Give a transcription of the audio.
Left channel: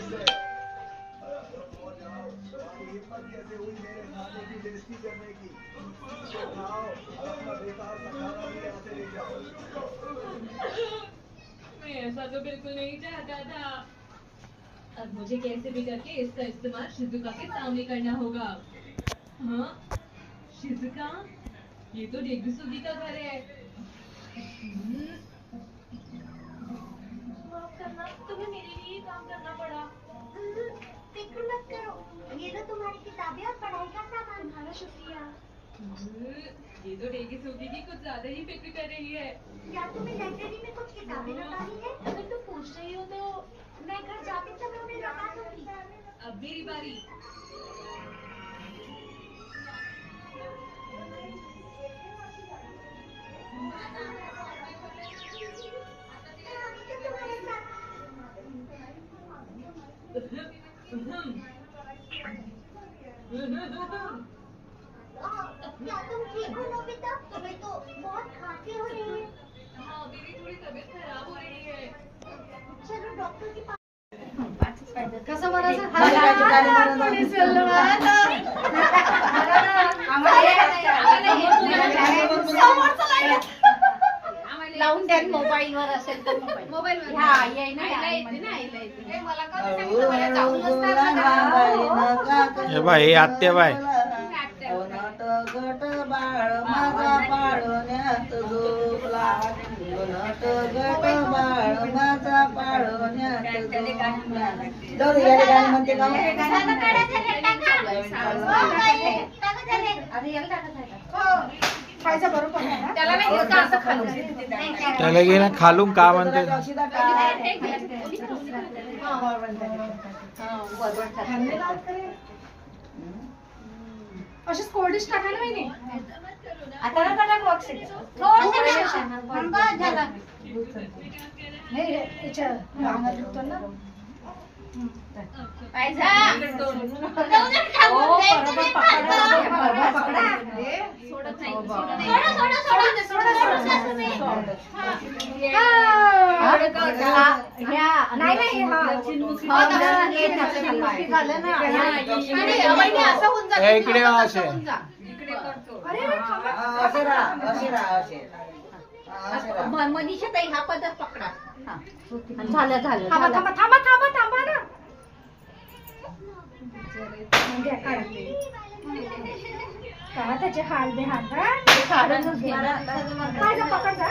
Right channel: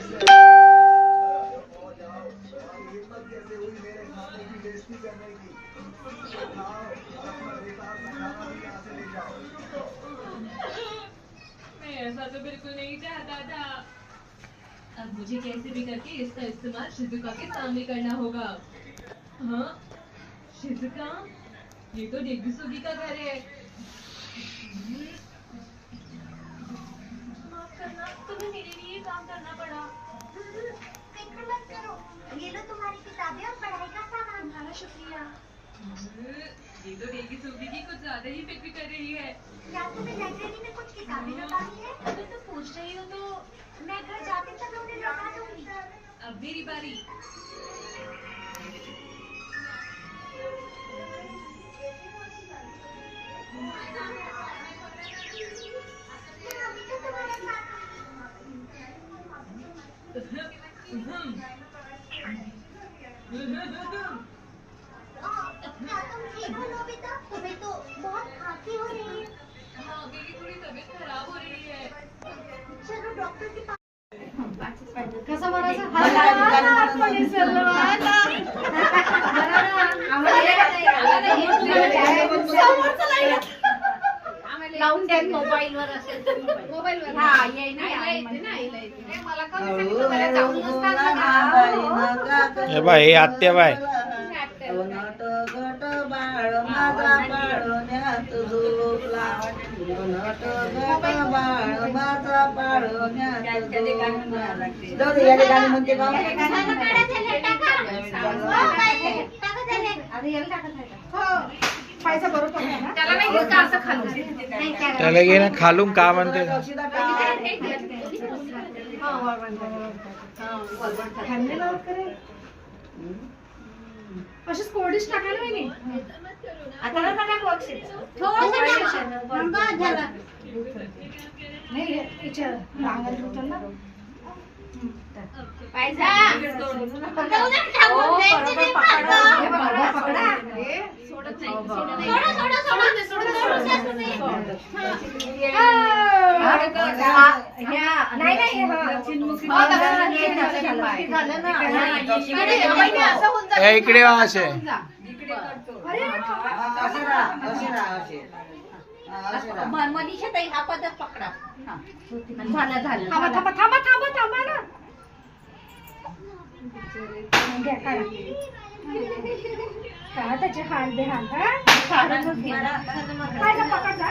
मैं ऐसा तो बिल्कुल नहीं चाहता था। अब मुझे कैसे भी करके इसका इस्तेमाल शिजुका के सामने करना होगा। हाँ, शिजुका, ये तो डेगुसुगी का घर है। माफ करना, तुम्हें मेरे लिए काम करना पड़ा। फिक्र मत करो, ये लो तुम्हारी किताबें और पढ़ाई का सामान। तुम्हारा शुक्रिया। ये तो डेगुसुगी की कुछ ज्यादा ही फिक्र कर रही है। क्या तुम्हें लाइब्रेरी में कुछ किताबें लौटानी है? अगर तुम पूछ रही हो तो मैं घर जाते तक उन्हें लौटा दूंगी। अब मेरी बारी। अभी तो तुम्हारे साथ क्या तुम ठीक हो नोबिता? तुम्हें तो बहुत खांसी हो रही है। हाँ, मेरी थोड़ी तबीयत खराब हो रही है। चलो डॉक्टर के पास। कसं म्हणायचं लावून द्या मोबाईल वर असेल तर मोबाईल वर. हा येई ना मला का जाऊन हे बाय हे आत्या बाय गट बाळ माझा पाळण्यात झोपला नट गट बाळ माझा पाळण्यात गाणी म्हणते खायचा बरोबर त्याला नाही असं खाल्लं त्याला घे ना खालून का म्हणते अशीच कोरडीच टाकायला पाहिजे आता ना टाका बॉक्स नाही याच्या अंगात दुखतो ना इकडे असे मनीषा ताई हा पदर पकडा. झालं थांबा थांबा थांबा थांबा थांबा ना घ्या काय त्याचे हाल बेहाल पकड जा